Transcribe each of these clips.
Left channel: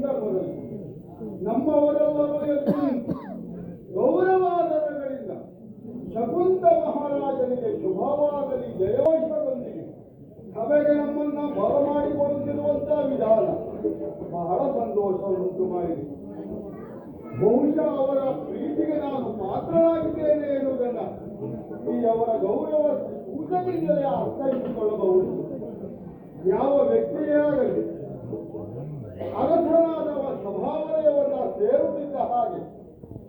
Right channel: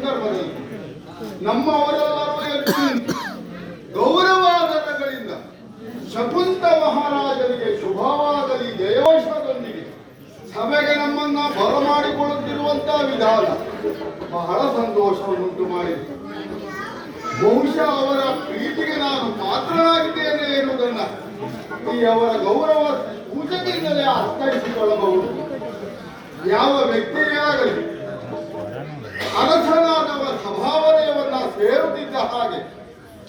ಸಂದರ್ಭದಲ್ಲಿ ನಮ್ಮವರೆಲ್ಲರೂ ಎದ್ದು ನಿಂತು ಗೌರವಾದರಗಳಿಂದ ಶಕುಂತ ಮಹಾರಾಜನಿಗೆ ಶುಭವಾಗಲಿ ಜಯೋಷದೊಂದಿಗೆ ಸಭೆಗೆ ನಮ್ಮನ್ನ ಬರಮಾಡಿಕೊಳ್ಳುತ್ತಿರುವಂತಹ ವಿಧಾನ ಬಹಳ ಸಂತೋಷವನ್ನುಂಟು ಮಾಡಿದೆ. ಬಹುಶಃ ಅವರ ಪ್ರೀತಿಗೆ ನಾನು ಪಾತ್ರನಾಗಿದ್ದೇನೆ ಎನ್ನುವುದನ್ನ ಈ ಅವರ ಗೌರವ ಸೂಚನೆಯಿಂದಲೇ ಅರ್ಥೈಸಿಕೊಳ್ಳಬಹುದು. ಯಾವ ವ್ಯಕ್ತಿಯೇ ಆಗಲಿ ಅರಸನಾದವ ಸಭಾವನೆಯವನ್ನ ಸೇರುತ್ತಿದ್ದ ಹಾಗೆ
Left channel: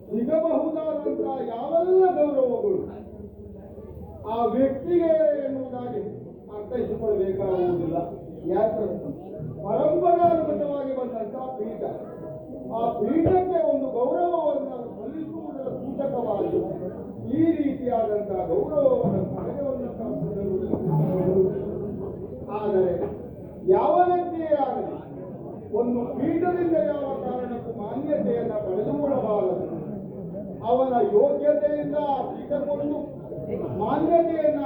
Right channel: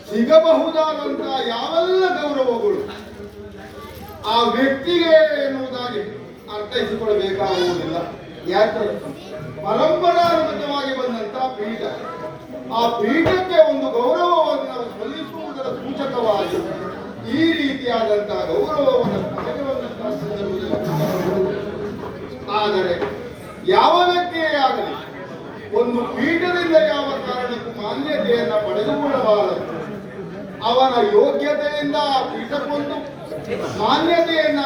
ಸಿಗಬಹುದಾದಂತಹ ಯಾವೆಲ್ಲ ಗೌರವಗಳು ಆ ವ್ಯಕ್ತಿಗೆ ಎನ್ನುವುದಾಗಿ ಅರ್ಥೈಸಿಕೊಳ್ಳಬೇಕಾಗುವುದಿಲ್ಲ. ಯಾಕೆ ಪರಂಪರಾಗತವಾಗಿ ಬಂದಂತಹ ಪೀಠ, ಆ ಪೀಠಕ್ಕೆ ಒಂದು ಗೌರವವನ್ನು ಸಲ್ಲಿಸುವುದರ ಸೂಚಕವಾಗಿ ಈ ರೀತಿಯಾದಂತಹ ಗೌರವವನ್ನು ಪಡೆಯುವಂತಹ ಸಂದರ್ಭದಲ್ಲಿ, ಆದರೆ ಯಾವ ವ್ಯಕ್ತಿಯೇ ಆಗಲಿ ಒಂದು ಪೀಠದಿಂದ ಯಾವ ಕಾರಣಕ್ಕೂ ಮಾನ್ಯತೆಯನ್ನು ಪಡೆದುಕೊಳ್ಳಬಾರದು. ಅವನ ಯೋಗ್ಯತೆಯಿಂದ ಆ ಪೀಠಕ್ಕೊಂದು ಮಾನ್ಯತೆಯನ್ನ